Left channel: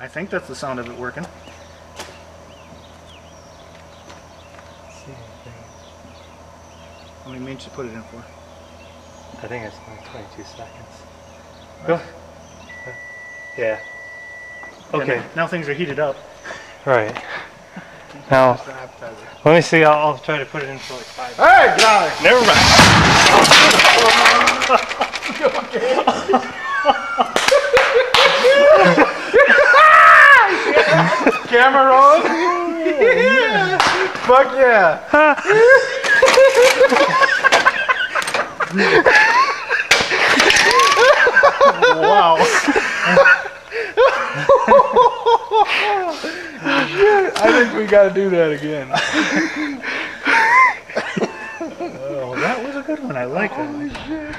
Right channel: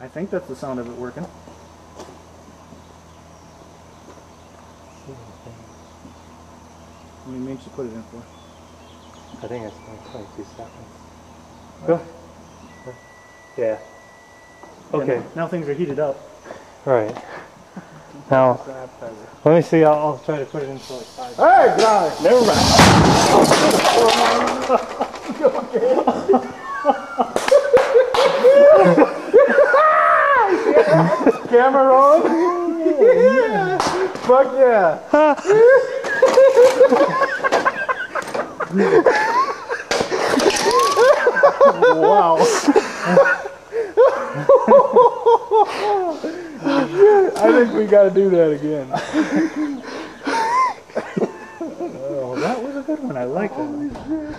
I think that's the sound of it working. See anything? How many minutes you put it in for? I think it's only 22 seconds. Go. Yeah. Okay. Yeah, now things are heated up. Right. Now, let me see. I'll try to put it in for like 5 minutes. Hey, get out of here. Never mind. Camera rolling? Yeah. Fuck yeah. Wow. I think we gotta do that again. Oh, that was a good one. I like that one. Holy shit.